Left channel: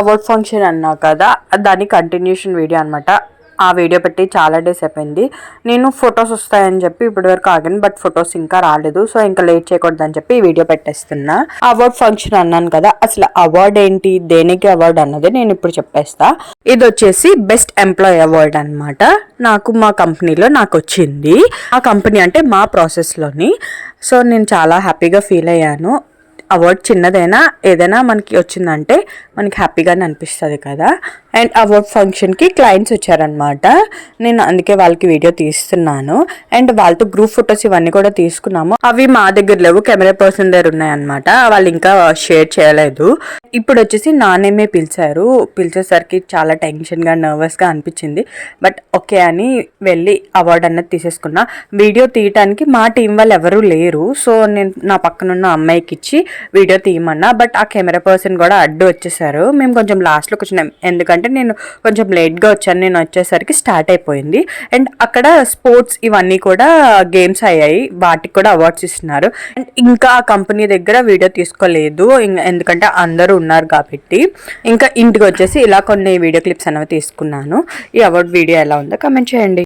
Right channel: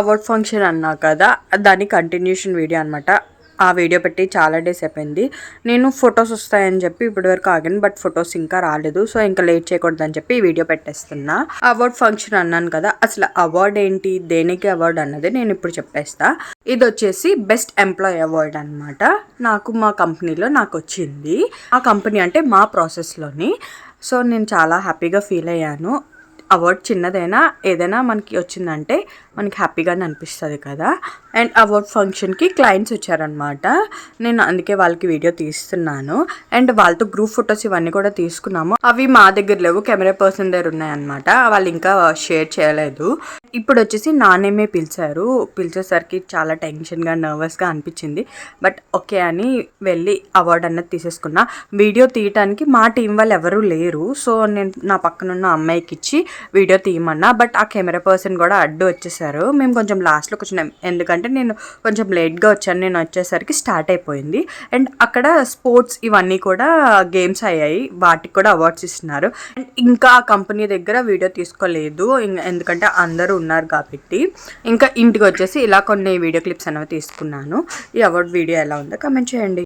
Award function అన్నా కదా, దాని కంటిన్యూషన్ వీడియో అనమాట. ఆ వీడియో పెట్టి చాలా డేస్ అయిపోయింది. నేను ఫొటోస్ వస్తాయని చెప్పి ఇప్పటివరకు ఆగాను, బట్ ఫొటోస్ ఇంకా రాలేదు. సో ఇంకా లేట్ చేయకూడదని చెప్పి ఈ వీడియో పెట్టేస్తున్నా. అవార్డ్ ఫంక్షన్ అన్నాను కదా, అసలు అవార్డ్ ఏంటి, దేనికి అవార్డు అన్నది నేను ఇప్పుడు చెప్పేస్తా. ఇది వచ్చేసి బెస్ట్ ఎంప్లాయీ అవార్డ్ అనమాట. నాకు మా కంపెనీలో నాకు వచ్చింది. ఆ కంపెనీ అంటే మా ప్రాసెస్లోని. సో నేను చాలా హ్యాపీగా ఫీల్ అయ్యాను. అవార్డ్ చిన్నదైనా ఏదైనా మనకి వచ్చిందంటే మనకి హ్యాపీగానే అనిపిస్తుంది కదా. అండ్ అవార్డ్ ఫంక్షన్కి క్లయింట్స్ వచ్చారనమాట. నేను అందుకే వాళ్ళకి వీడియో తీస్తున్నాను. అండ్ వాళ్ళతో గ్రూప్ ఫొటోస్ ఇవన్నీ కూడా తీసుకున్నాము. అవి మా దగ్గర లేవు, కెమెరా పర్సన్ దగ్గర ఉన్నాయన్నమాట. వాళ్ళు ఇంకా షేర్ చేయలేదు. ఇప్పుడు వచ్చేసి నానేమే పిలిచారు. పిలిచేసరికి చాలా టెన్షన్గా నర్వస్గా అనిపించింది. బట్ ఓకే అని వెళ్ళి అవార్డు అన్నది తీసేసుకున్నా. వీడియో తీయటానికి మా టీం వాళ్ళు ఎవరూ లేరు. సో నేను నా పక్కనున్న అమ్మాయికి ఇచ్చి వీడియో తీయమన్నా. బట్ ఆ కెమెరా పర్సన్ కూడా అడ్డు వచ్చేసారు. మేము కొంచెం లాస్ట్లోకి వచ్చినాం, ఎందుకంటే నేను కొంచెం లేట్గా వచ్చాను. నేను వచ్చేసరికి స్టార్ట్ అయిపోయింది. అండ్ అక్కడ స్పోర్ట్స్ ఇవన్నీ కూడా గేమ్స్ అయ్యాయి, వాటికి కూడా అవార్డ్స్ ఇస్తున్నారు. అండ్ ఇంకా ఆ కంపెనీ దగ్గర వీడియో తీసుకోలేదు, ఎందుకంటే అందరూ ఉన్నారు కాబట్టి. ఇంకా ఇంటికి వచ్చేసి ఇలా కొన్ని వీడియో క్లిప్స్ అనేవి తీసుకున్నాను. ఈ అవార్డ్ వీడియో ఎలా ఉందో కమెంట్ చేయండి.